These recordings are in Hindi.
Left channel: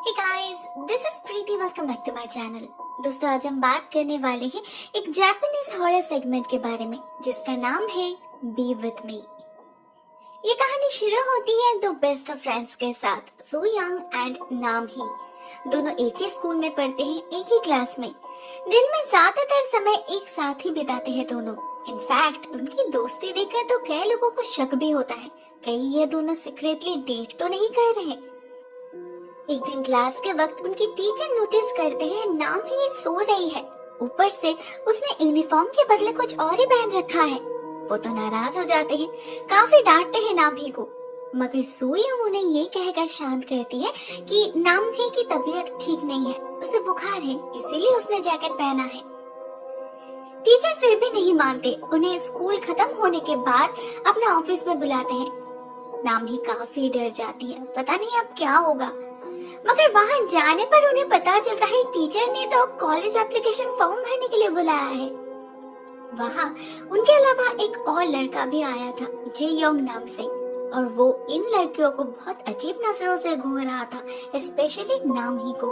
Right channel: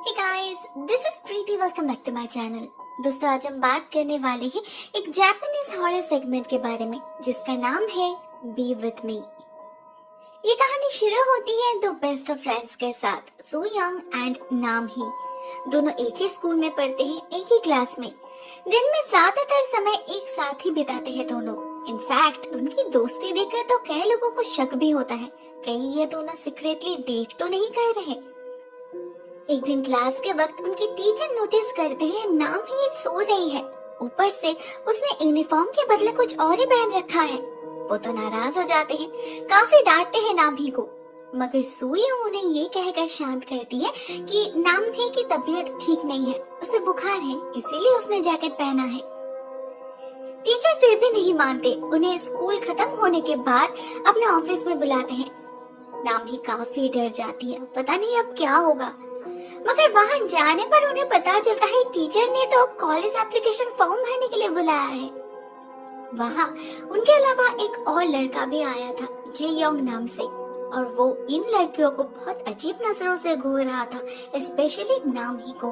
Hey guys, this is Preeti. Welcome back to my channel. दोस्तों आज हम बात करने वाले हैं एक जापानीज हॉरर सेगमेंट के बारे में जिसका नाम है बी विद मी। ये कहानी शुरू होती है दो बेस्ट ऑफ फ्रेंड्स के साथ, सो यंग एंड नाम ही। दोनों एक ही स्कूल में पढ़ते हैं, एक ही क्लास में। दिन में ज्यादातर समय एक साथ ही बिताते हैं दोनों। इनफैक्ट उनकी दोस्ती देखकर तो कई लोगों को शक भी होता है कहीं ये दोनों सीक्रेटली डेट तो नहीं कर रहे। एक दिन क्लास के वक्त उनकी टीचर नोटिस करते हैं नाम ही सो रही है। ऊपर से उसने यूनिफॉर्म के बदले कुछ और ही पहन रखा है। वो तो नाराज हो जाते हैं, काफी डांटते हैं नाम ही को, मगर सुयू उन्हें ये कहकर शांत करती है कि नाम ही की तबीयत ठीक नहीं है, उसे बुखार है, इसीलिए उसने जैकेट पहना है। टीचर फिर भी नहीं मानते, उन्हें स्कूल खत्म होने के बाद अपने ऑफिस में बुलाते हैं। नाम ही काफी डर जाती है, पता नहीं अब क्या होगा। मगर वहां जाने पर उन्हें पता चलता है टीचर ने तो कॉलेज एप्लीकेशन फॉर्म भरने के लिए बुलाया है। वहां उनके अलावा एक और लड़का भी आया था, जे योंग नाम से, और वो इन लड़कियों को बहुत अजीब नजरों से घूर रहा था, स्पेशली नाम ही को।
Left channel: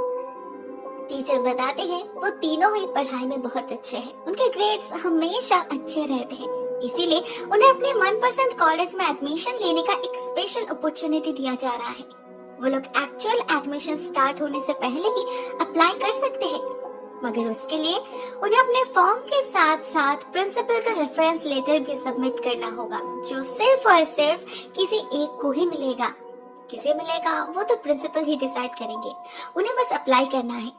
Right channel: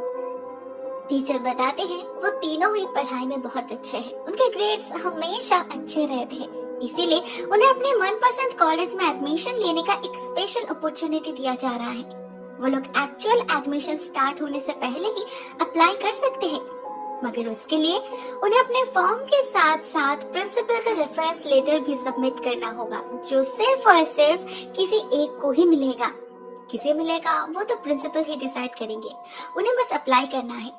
टीचर बताते हैं वो तीनों ही पढ़ाई में बहुत अच्छे हैं, उनके ग्रेड्स हमेशा अच्छे रहते हैं, इसीलिए उन्हें अपने मनपसंद कॉलेज में एडमिशन लेने का एक स्पेशल अपॉर्चुनिटी दिया जा रहा है। वो लोग एक्चुअल एडमिशन स्टार्ट होने से पहले ही अप्लाई कर सकते हैं, मगर उसके लिए उन्हें अपने फॉर्म के साथ साथ प्रिंसिपल का रेफरेंस लेटर भी सबमिट करना होगा, जो सिर्फ और सिर्फ किसी एक को ही मिलेगा। किसे मिलेगा वो तो प्रिंसिपल ही डिसाइड करेंगे, उन्हें बस अप्लाई करना है।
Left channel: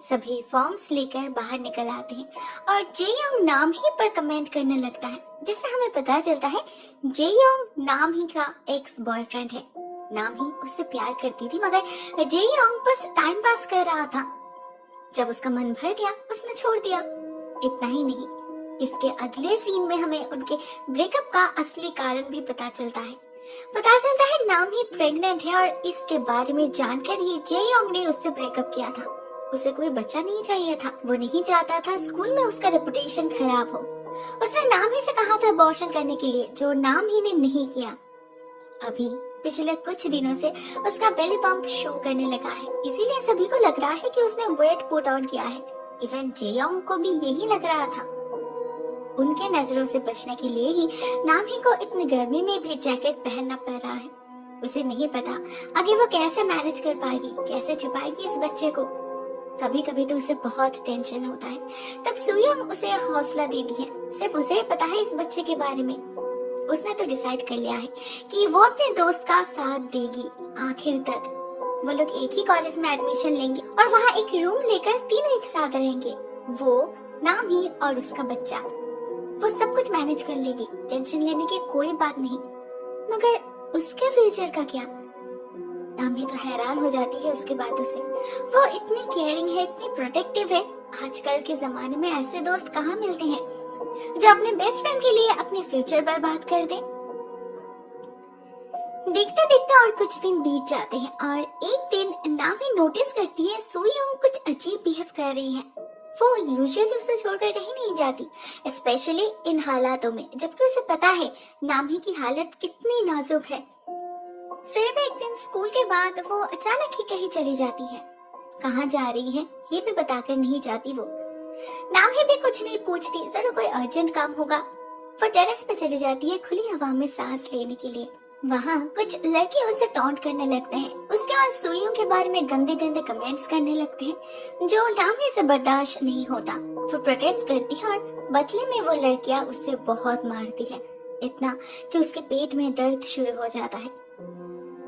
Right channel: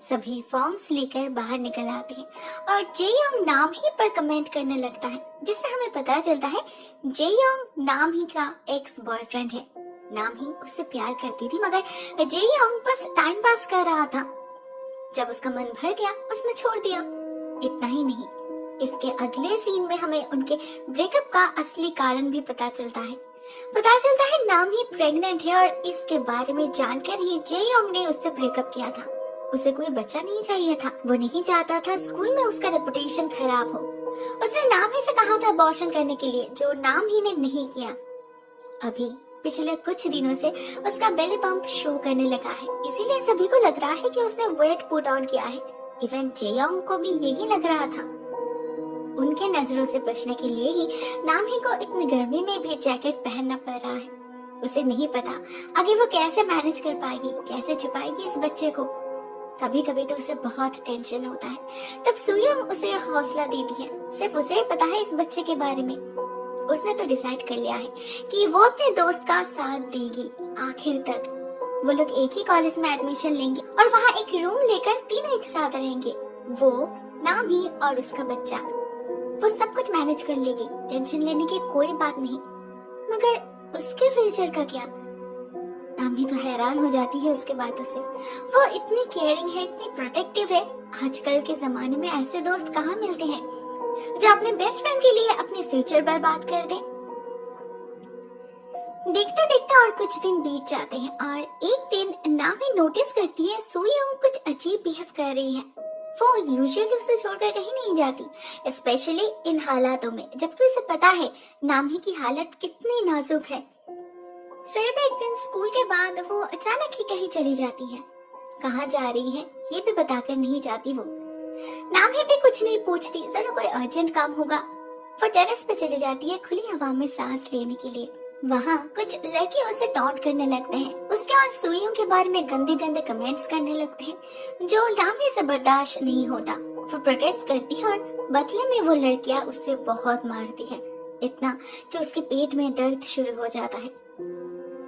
सभी फॉर्म्स लेकर बाहर निकल आते हैं और जे योंग नाम ही पर कमेंट करने लगता है, जिससे हमें पता चलता है जे योंग नाम ही का एक्स बॉयफ्रेंड है। नाम ही उससे प्यार करती थी, मगर जे योंग बस टाइम पास कर रहा था। जब उसका मन भर गया उसने छोड़ दिया। इतना ही नहीं, इसके अगले सीन में हमें उनके ब्रेकअप का असली कारण भी पता चलता है। नाम ही प्रेग्नेंट है और इसके बारे में जानकर ये जे योंग ने उससे ब्रेकअप किया था। उसे कोई बच्चा नहीं चाहिए था, वो नहीं चाहता था स्कूल में उसका रेपुटेशन खराब हो। उसने नाम ही से कहा था अबॉर्शन करने के लिए, जो नाम ही ने नहीं किया। अभी पिछले कुछ दिनों से उसका बेली पंप शो करने लगा है, इसीलिए सभी को लग रहा है कि उसने वेट पुट ऑन किया है। इवन जे योंग को भी यही लग रहा था। उनके नजरों से बचने के लिए ही नाम ही को इतनी गर्मी में भी जैकेट पहनना पड़ रहा है। उसे नहीं पता आगे वो कैसे मैनेज कर पाएगी, कैसे छुपाएगी इस बच्चे को। कभी कभी तो उसे बहुत टेंशन होता है। तब सुयंग उसे हौसला देती है, सिर्फ उसे ही पता है इस बच्चे के बारे में। उसने तो डिसाइड कर लिया है कि वो अपने दोस्त का साथ देगी आखिर तक। वो लोग एक ही कॉलेज में एडमिशन लेंगे और वहाँ एक रूम लेकर तीनों एक साथ रहेंगे, वो, नाम ही और उसका बच्चा। वो सब कुछ मैनेज कर लेगी, टेंशन लेने की कोई बात नहीं। मगर उसके फ्यूचर का क्या? नाम ही तो हैरान हो जाती है उसके बातों से। वो इतनी केयरिंग है, इतनी प्रोटेक्टिव है। आजकल के जमाने में ऐसे दोस्त कहाँ मिलते हैं जो अपने बेस्ट फ्रेंड के लिए अपने फ्यूचर बर्बाद कर दे। देखते देखते और कुछ दिन बीत जाते हैं और एक दिन नामी नोटिस करती है सुयंग कुछ अजीब बिहेव कर रही है। वो यूजुअली उसे छोड़कर कहीं नहीं जाती, स्पेशली इन हालातों में जबकि उसे पता है नामी की हालत कितनी नाजुक है। फिर भी एक दिन स्कूल के बाद वो अचानक ही कहीं चली जाती है। कहाँ जा रही है ये भी बताकर नहीं जाती वो। नाम ही भी कुछ नहीं पूछती, जरूर कोई अर्जेंट काम होगा। वो टेरेस पे चली जाती है खुली हवा में सांस लेने के लिए। वहाँ कुछ लड़के उसे टॉन्ट करने लगते हैं, उसके और सुइयों के बारे में गंदे गंदे कमेंट्स करने लगते हैं, जो नाम ही से बर्दाश्त नहीं होता। वो प्रोटेस्ट करती है और बदले में वो लड़कियां उससे बहुत मारती है, इतना कि उसके पेट में दर्द शुरू हो जाता है।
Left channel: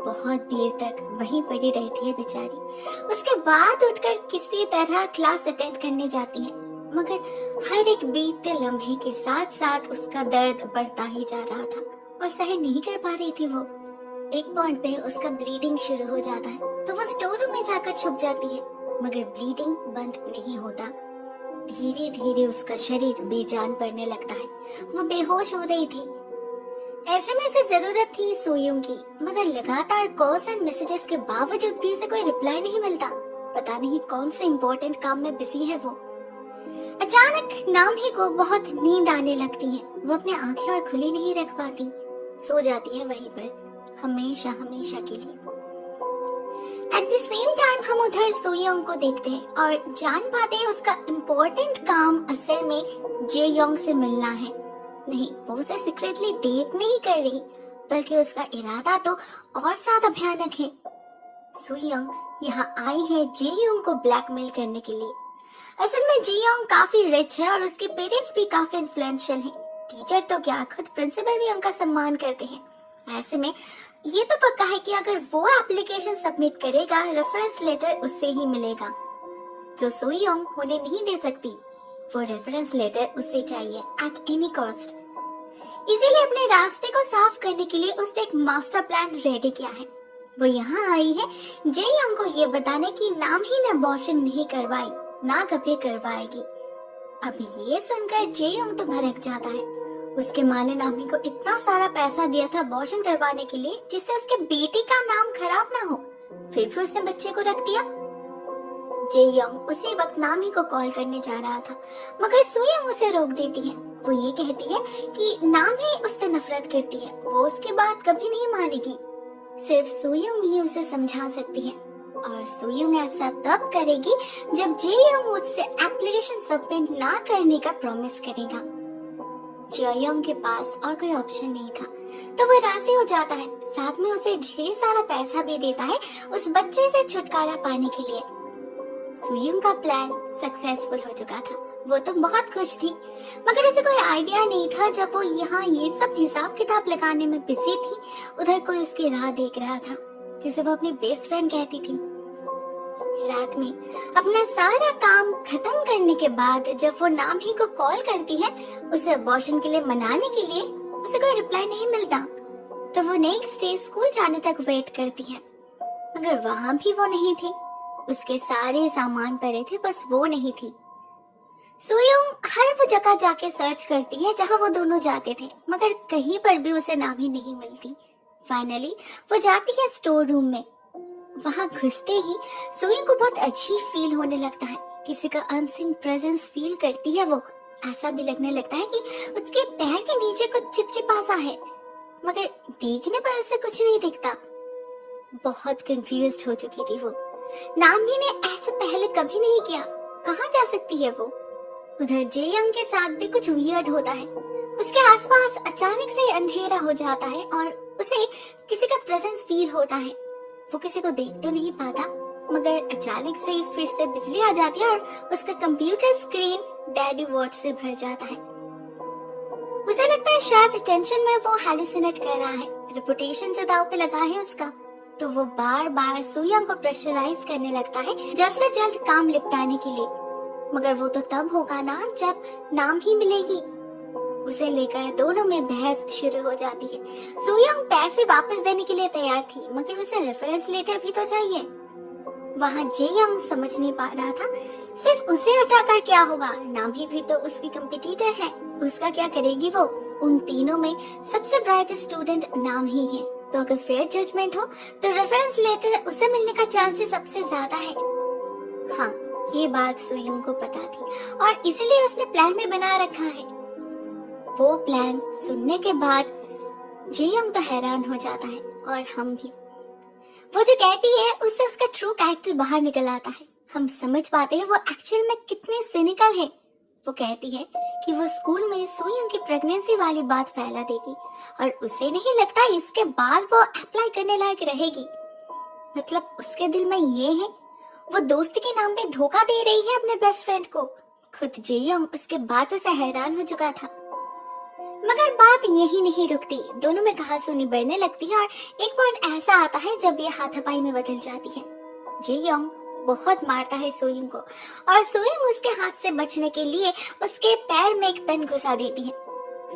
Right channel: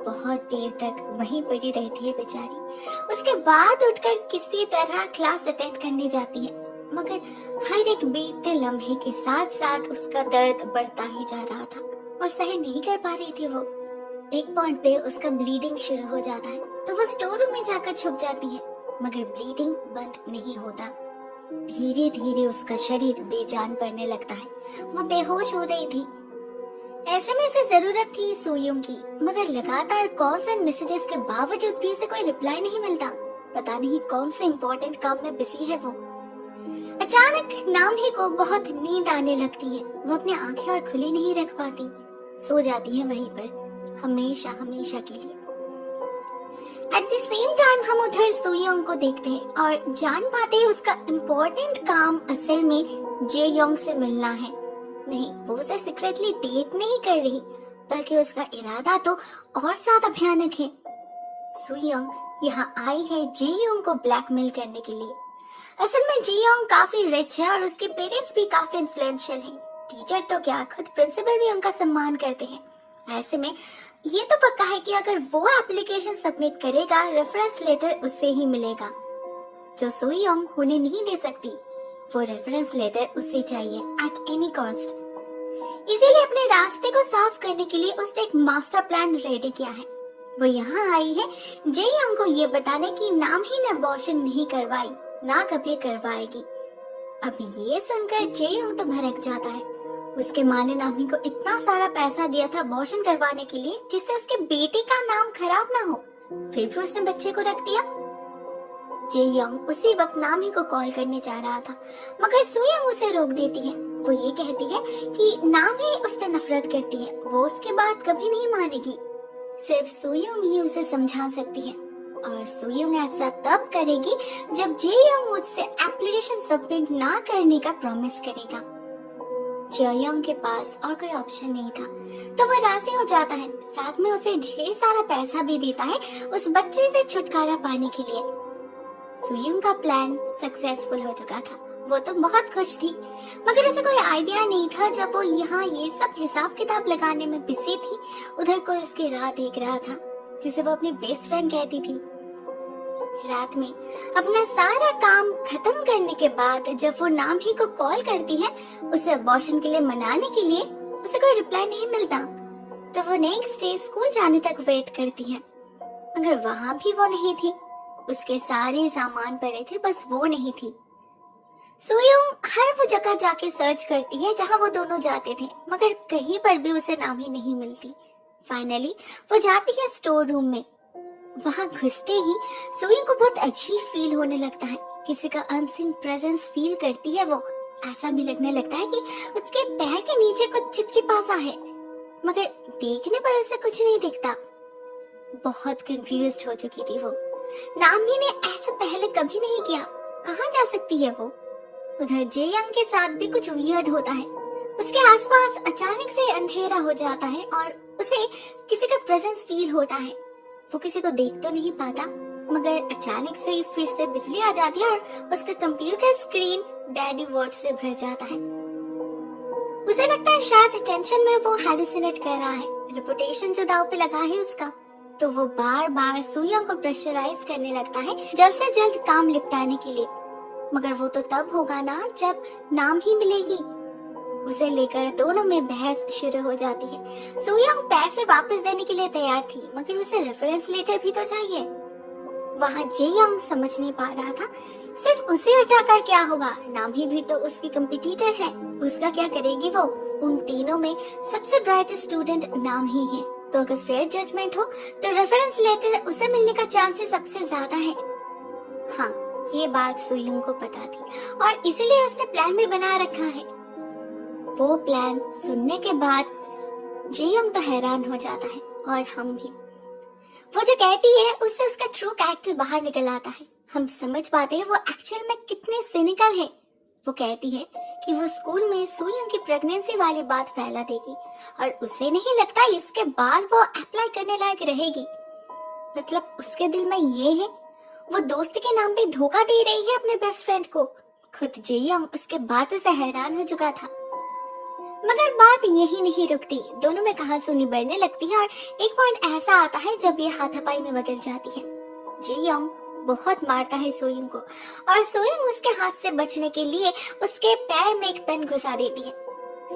बहुत देर तक वहीं पड़ी रहती है बेचारी। उसके बाद उठकर किसी तरह क्लास अटेंड करने जाती है, मगर हर एक बीतते लम्हे के साथ साथ उसका दर्द बढ़ता ही जा रहा था और सहन नहीं कर पा रही थी वो। एक पॉइंट पे उसका ब्लीडिंग शुरू हो जाता है तो वो स्टोर रूम में जाकर छुप जाती है, मगर ब्लीडिंग बंद नहीं होता। धीरे धीरे उसका शरीर बेजान पड़ने लगता है, वो बेहोश हो रही थी। ऐसे में इसे जरूरत थी सुयंग की, मगर लगातार कॉल्स एंड मैसेजेस के बावजूद भी उसे कोई रिप्लाई नहीं मिलता। पता नहीं कौन से इम्पोर्टेंट काम में बिजी है वो। अचानक नाम ही को बहुत नींद आने लगती है। वो अपनी आंखें और खुली नहीं रख पाती, सो जाती है वहीं पर हमेशा हमेशा के लिए। एट द सेम टाइम हम उधर सोयोंग को देखते हैं और जान पाते हैं उसका इम्पोर्टेंट काम असल में जेयोंग से मिलना है। नहीं, वो उसे सीक्रेटली डेट नहीं कर रही, बल्कि उसका इरादा तो और ज्यादा भयानक है। सोयोंग यहाँ आई है जेयोंग को ब्लैकमेल करने के लिए। असल में जेयोंग काफी रिच है और उसके पेरेंट्स भी काफी इन्फ्लुएंशियल हैं। टीचर तो क्या, खुद प्रिंसिपल भी उनका सम्मान करते हैं। ऐसे में ये तो पक्का है कि अगर वो एप्लीकेशन सबमिट करेगा, रेफरेंस लेटर उससे ही मिलेगा, जो सोयोंग होने नहीं दे सकती। वो रेफरेंस लेटर उसे चाहिए एट एनी कॉस्ट। इसीलिए अपने रास्ते को साफ करने के लिए उसने एक मास्टर प्लान रेडी किया है। वो यहाँ आई है जेयोंग को ये बताने कि नाम ही ने अबॉर्शन नहीं करवाई, ना कभी करवाएगी। अब ये सुनकर जेयोंग तो भड़क जाता है। उसके माँ ने नामी को इतना सारा पैसा दिया था अबॉर्शन करवाने के लिए, जिससे उसके बेटे का नाम खराब ना हो, फिर भी उसने बच्चे को रख दिया। जेयोंग उसी वक्त नामी को कॉल करने जा रहा था, मगर सोयोंग उसे रोक देती है। वो ये कहती है कि नाम ही उससे नफरत करती है, वो उसकी बात कभी नहीं मानेगी। सिर्फ सोयोंग ही उसे समझा सकती है, और सोयोंग ऐसा तब करेगी जब जेयोंग उससे एप्लीकेशन सबमिट ना करने का प्रॉमिस करेगा। जेयोंग के पास और कोई ऑप्शन नहीं था, तो वह राजी हो जाता है। साथ में उसे ढेर सारा पैसा भी देता है उस बच्चे से छुटकारा पाने के लिए। सोयोंग का प्लान सक्सेसफुल हो चुका था। वो तो बहुत खुश थी, मगर उसे कोई आइडिया नहीं था जब वो यहाँ ये सब हिसाब किताब लगाने में बिजी थी, उधर कोई उसकी राह देख रहा था, जिसे वो अपनी बेस्ट फ्रेंड कहती थी। रात में अपना सारा काम खत्म करने के बाद जब वो नामी को कॉल करती है उसे अबॉर्शन के लिए मनाने के लिए, उसे कोई रिप्लाई नहीं मिलता, तो वो नेक्स्ट डे स्कूल जाने तक वेट करती है, मगर वहाँ भी वो नहीं थी। उसके सारे सामान पड़े थे, बस वो नहीं थी। सोयोंग हर वो जगह जाके सर्च करती है जहाँ वो दोनों जाते थे, मगर कहीं पर भी उसे नामी नहीं मिलती। फाइनली वो जाती है स्टोर रूम में। वहाँ घुसते ही सोयोंग को बहुत अजीब फील होने लगता है। किसी का अनसीन प्रेजेंस फील करती है वो। ऐसा भी लगने लगता है कि उसके पैर के नीचे कुछ चिपचिपा सा है, मगर देखने पर उसे कुछ नहीं दिखता। बहुत कंफ्यूज्ड हो चुकी थी वो। नामी ने ऐसे पहले कभी नहीं किया, कहाँ जा सकती है वो। उधर जेयोंग के साथ भी कुछ वियर्ड होता है। उसके आसपास अचानक से अंधेरा हो जाता है और उसे किसी का प्रेजेंस फील होता है। वो किसी को देख तो नहीं पाता, मगर अचानक से फिर से बिजली आ जाती है और उसका कंप्यूटर स्क्रीन डैडी वर्ड से भर जाता है। उसे लगता है शायद टेंशन में वो हैलुसिनेट कर रहा है, रेपुटेशन जो दांव पे लगा है उसका। तो वो बार बार सोयोंग को प्रेशराइज करने लगता है जल्द से जल्द काम निपटाने के लिए, मगर वो तो तब होगा ना जब नाम ही मिलेगी। उसे लेकर दोनों में बहस शुरू हो जाती है। सोयोंग पैसे वापस देने के लिए तैयार थी, मगर उसे रेफरेंस लेटर भी तो चाहिए। वहाँ जेयोंग समझ नहीं पा रहा था सिर्फ उसे हटाकर क्या होगा, नामी भी तो उसकी कंपटीटर है, उसका क्या करेगी वो। उन तीनों में सबसे ब्राइट स्टूडेंट नाम ही है, तो अगर फेयर जजमेंट हो तो रेफरेंस लेटर उसे मिलने का चांसेस सबसे ज्यादा है। हाँ, ये बात सोयोंग को पता थी और इसीलिए उसने प्लान भी बना रखा है। वो प्लान सुनने के बाद जेयोंग तो हैरान हो जाता है, और हम भी। वो जो कहती है उससे उसका ट्रू कैरेक्टर बाहर निकल आता है। हम समझ पाते हैं वो एक्चुअल में कितने सिनिकल है। वो कहती है कि वो स्कूल में सोयोंग की प्रेगनेंसी वाली बात फैला देगी, और उसे नहीं लगता इसके बाद वो अप्लाई करने लायक रहेगी। मतलब उसके दिल में ये है, वो दोस्त के नाम पे धोखा दे रही है अपने बेस्ट फ्रेंड को। खुद जेयोंग उसके बातों से हैरान हो चुका था। मगर बात यही नहीं रुकती, दोनों में कहासुनी बढ़ने लगती है और एक पॉइंट ऐसा आता है जब ये हाथापाई में बदल जाती है। जेयोंग बहुत मारता है सोयोंग को, और सोयोंग उसके हाथ से बचने के लिए उसके पैर में एक पेन घुसा देती है।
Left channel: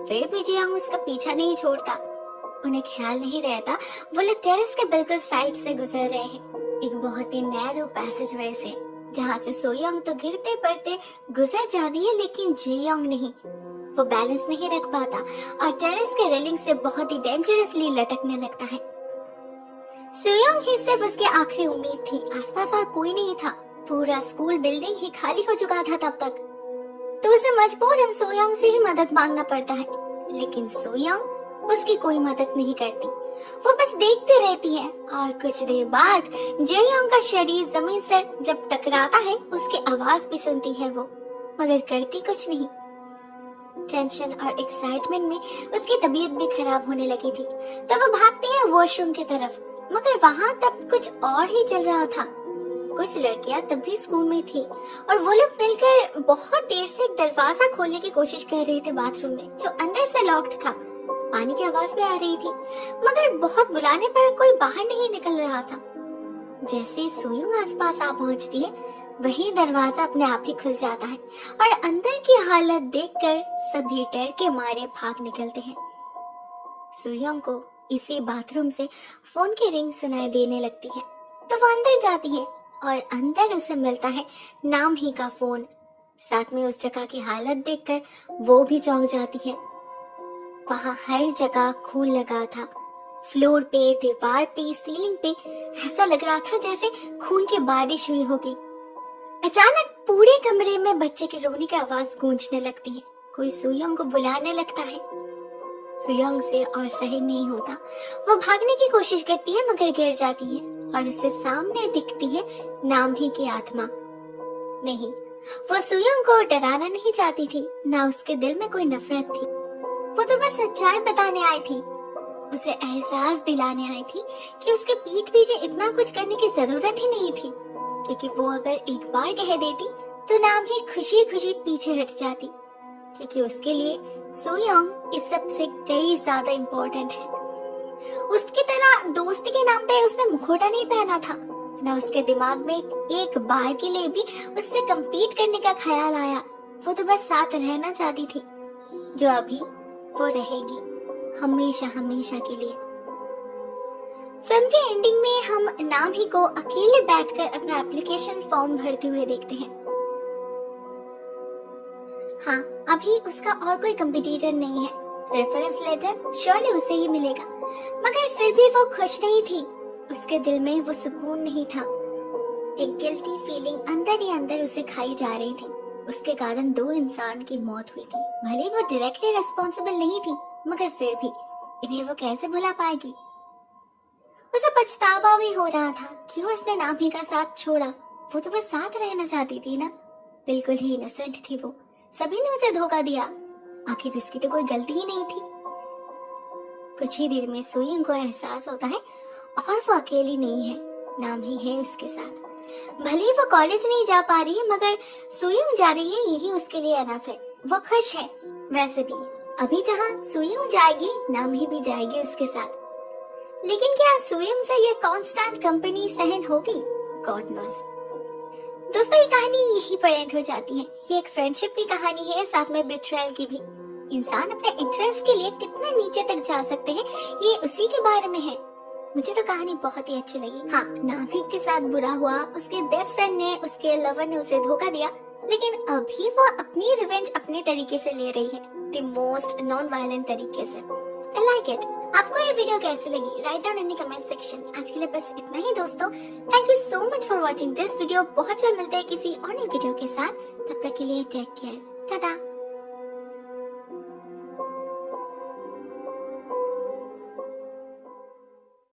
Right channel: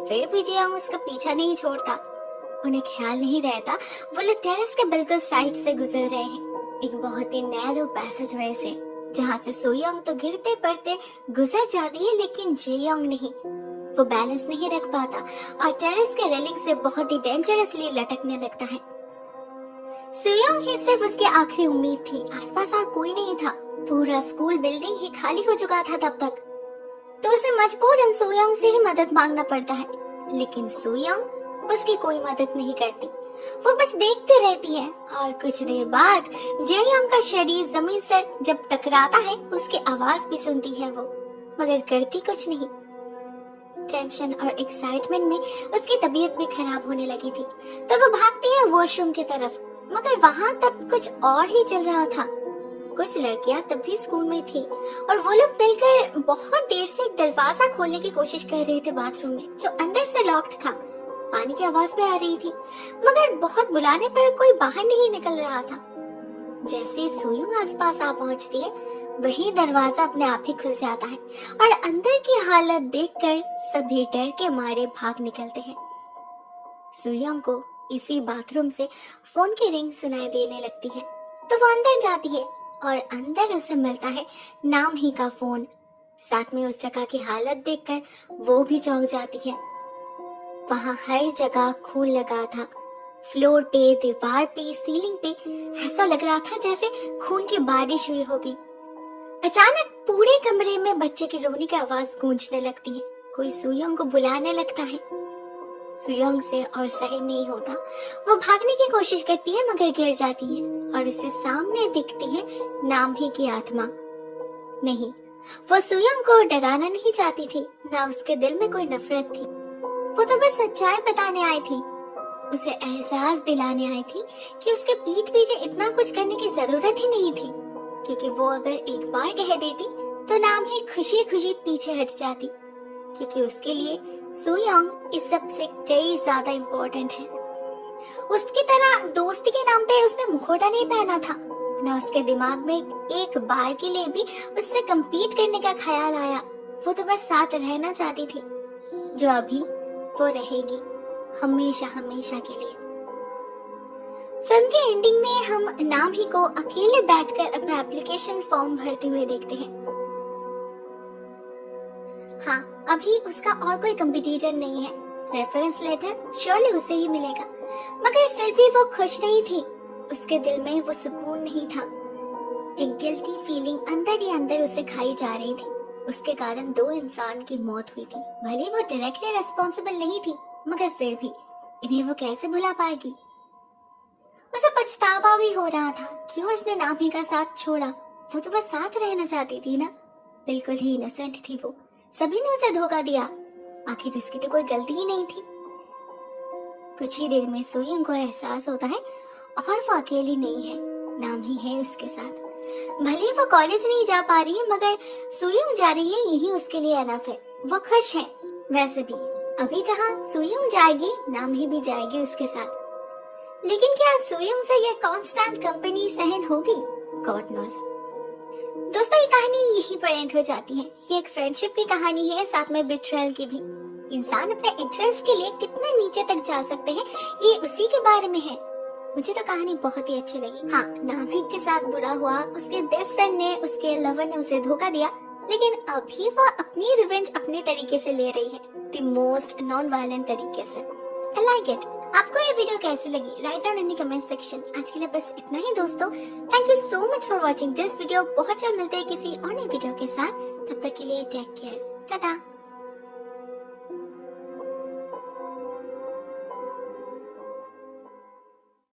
फिर भी जेयोंग उसका पीछा नहीं छोड़ता। उन्हें ख्याल नहीं रहता वो लोग टेरेस के बिल्कुल साइड से गुजर रहे हैं, एक बहुत ही नैरो पैसेज वे से, जहाँ से सोयोंग तो गिरते पड़ते गुजर जाती है, लेकिन जेयोंग नहीं। वो बैलेंस नहीं रख पाता और टेरेस के रेलिंग से बहुत ही डेंजरसली लटकने लगता है। सोयोंग ही सिर्फ उसकी आखिरी उम्मीद थी, आसपास और कोई नहीं था। पूरा स्कूल बिल्डिंग ही खाली हो चुका था तब तक, तो उसे मजबूरन सोयोंग से ही मदद मांगना पड़ता है। लेकिन सोयोंग उसकी कोई मदद नहीं करती वो बस देखती रहती है और कुछ देर बाद जेयोंग का शरीर जमीन से जब टकराता है उसकी आवाज भी सुनती है वो, मगर करती कुछ नहीं। टेंशन और एक्साइटमेंट में उसकी तबीयत भी खराब होने लगी थी, तो वो भागती है वॉशरूम की तरफ, मगर वहाँ तब कुछ और ही चल रहा था। कुछ लड़कियां तब भी स्कूल में थी और वो लोग मिलकर बहुत देर से एक दरवाजा खोलने की कोशिश कर रहे थे बाथरूम में, जो अंदर से लॉक्ड था। पानी की आवाज भी आ रही थी, मगर बहुत बुलाने पर कोई बाहर नहीं निकल रहा था। जैसे सुयुंग आसपास आ पहुंचती है, वही दरवाजा अपने आप ही खुल जाता है और अंदर की हालत देखकर सभी डर के मारे भाग निकलते हैं। सुयुंग को इसी बाथरूम से फोन की रिंग सुनाई देने लगती है, तो वो अंदर जाती है और अंदर उसे मिलता है नाम ही का फोन। साथ में उस जगह की हालत देखकर वो भी चौंक जाती है। वहाँ हर जगह खून लगा था, फ्लोर पे, दीवार पे, सीलिंग पे। ऐसा लग रहा था जैसे खून की बारिश हुई होगी। अचानक पूरे कमरे में बच्चे के रोने की आवाज गूंजने लगती है। कोई सुयोंग को बुलाने लगता है। सुयोंग से और सही नहीं होता, वो भागने की कोशिश करती है मगर गिर जाती है और उसे सामने दिखती है नाम ही की आत्मा। नहीं, वो सुयोंग को डराना नहीं चाहती थी, ना उसके दिल में कोई नफरत थी। वो तो बस सच्चाई बताने आई थी, उसे एहसास दिलाने आई थी कि उसके पीठ पीछे इतना कुछ करने की जरूरत ही नहीं थी, क्योंकि वो अगर एक बार कह देती तो नाम ही खुशी खुशी पीछे हट जाती, क्योंकि उसके लिए सुयोंग इस सब से कई ज्यादा इम्पोर्टेंट है। उसकी तरह दोस्ती के नाम पे उसने मुखौटा नहीं पहना था, ना उसके दिमाग में एक बार के लिए भी उससे compete करने का ख्याल आया। वो तो बस साथ रहना चाहती थी, जो अभी वो रहेगी हमेशा हमेशा के लिए। फिल्म के एंडिंग में हम नाम ही को अकेले बैठकर अपना एप्लीकेशन फॉर्म भरते हुए देखते हैं। हाँ, अभी उसका और कोई कंपटीटर नहीं है। रेफरेंस लेटर श्योरली उसे ही मिलेगा, मगर फिर भी वो खुश नहीं थी। उसके दिल में वो सुकून नहीं था। एक गिल्टी फीलिंग अंदर ही अंदर उसे खाई जा रही थी। उसके कारण 2 इंसान की मौत हुई थी। भले वो डायरेक्टली रिस्पॉन्सिबल नहीं थी, मगर फिर भी इन्हें वो कैसे भुला पाएगी। उसे पछतावा भी हो रहा था, क्यों उसने नामी का साथ छोड़ा। वो तो बस साथ रहना चाहती थी ना, बिल्कुल ही इनोसेंट थी वो। सभी ने उसे धोखा दिया, आखिर उसकी तो कोई गलती ही नहीं थी। कुछ ही देर में सुयोंग को एहसास होता है और वो अकेली नहीं है, नाम ही है उसके साथ। भले वो कॉलेज नहीं जा पा रही है, मगर सुयोंग जा रही है, यही उसके लिए अनफ है। वो खुश है। वैसे भी अभी जहाँ सुयोंग जाएगी, नाम ही भी जाएगी उसके साथ। लेकिन क्या सुयोंग से ये कांस्टेंट कंपनी सहन होगी? God knows. दोस्तों, ये कहानी यहीं पर एंड हो जाती है। ये एक फ्रेंडशिप की कहानी है, साथ में बिट्रेयल की भी। इंसान अपने इंटरेस्ट के लिए कितना नीचे तक जा सकते हैं, ये उसी के बारे में है। मुझे तो कहानी बहुत ही अच्छी लगी। हाँ, नाभिक के साथ बुरा हुआ, उसके बेस्ट फ्रेंड ने, उसके लवर ने उसे धोखा दिया, लेकिन अभी वो अपनी रिवेंज अपने तरीके से ले रही है, द मोस्ट नॉन वायलेंट तरीके से। I like it. आपको ये वीडियो कैसी लगी? Write down in the comment section. आज के लिए बस इतना ही दोस्तों। Thank you so much for watching this video. बहुत जल्द मिलते हैं किसी और नई वीडियो के साथ। तब तक के लिए टेक केयर। टाटा।